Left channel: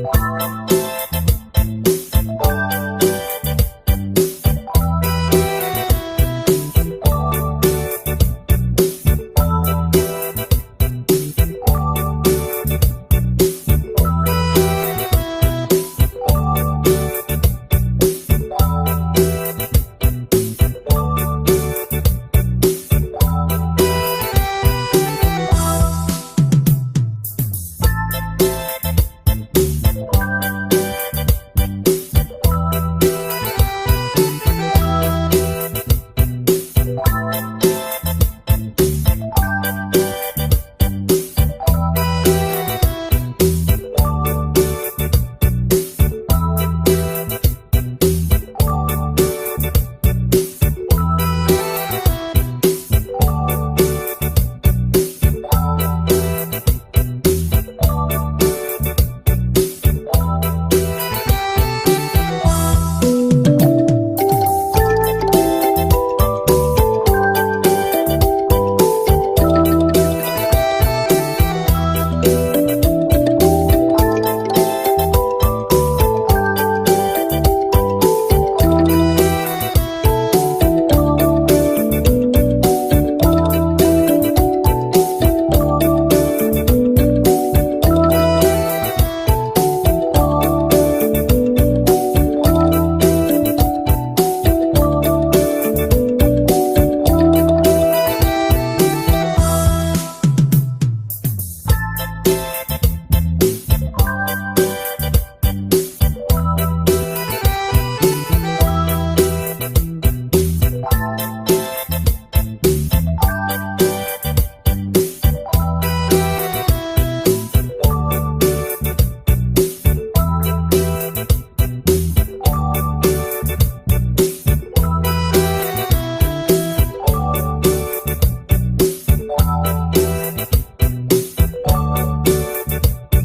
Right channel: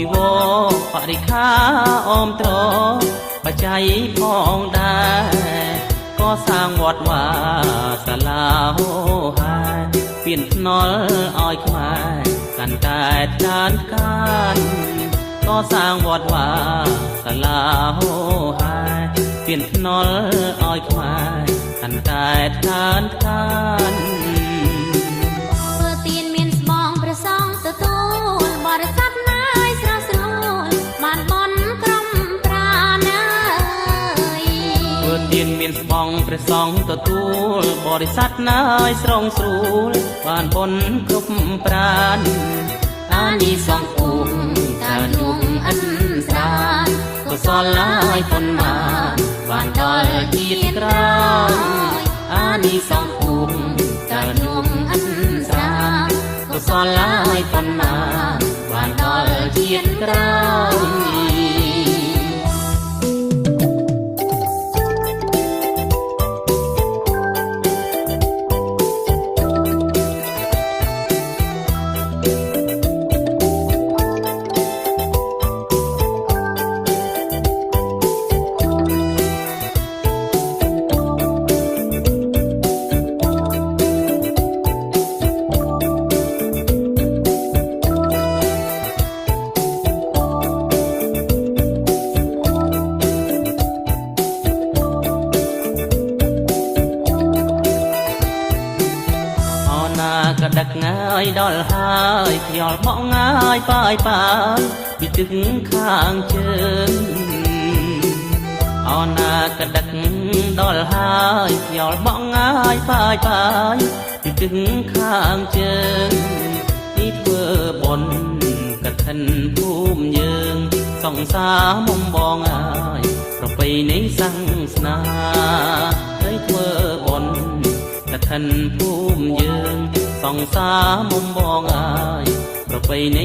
ជីវរបរិខាអមត្របច្ច័យផងដែរក៏សាងវត្តវាសាលាហោហាពៀនភ្នល់ឲ្យខ្មែរកាន់តែចានកានក៏សាងវត្តវាសាលាហោហាពៀនភ្នល់ឲ្យខ្មែរកាន់តែចានកានព្រះសង្ឃទទួលបរិស័ទណាយស្រងស្រួលបានបុណ្យគ្រប់ប្រានអានិសង្ឃពុំតានុំអិនសានកុសលឡាយប៉ុន្មានបានដល់ជាតិក្រោយអានិសង្ឃពុំតានុំអិនសានកុសលឡាយប៉ុន្មានបានដល់ជាតិក្រោយដល់ហើយខ្យល់បក់ងាយប៉ាយប៉ាពីទឹកខាងជើងអនាគតដឹកដល់ហើយខ្យល់បក់ងាយប៉ាយប៉ាពីទឹកខាងជើងទីធ្វើបុណ្យកឋិនភូមិយើងសង្សារមុំបងហើយប្រពៃណីសាសនាហើយធ្វើបុណ្យកឋិនភូមិយើងសង្សារមុំបងប្រពៃណី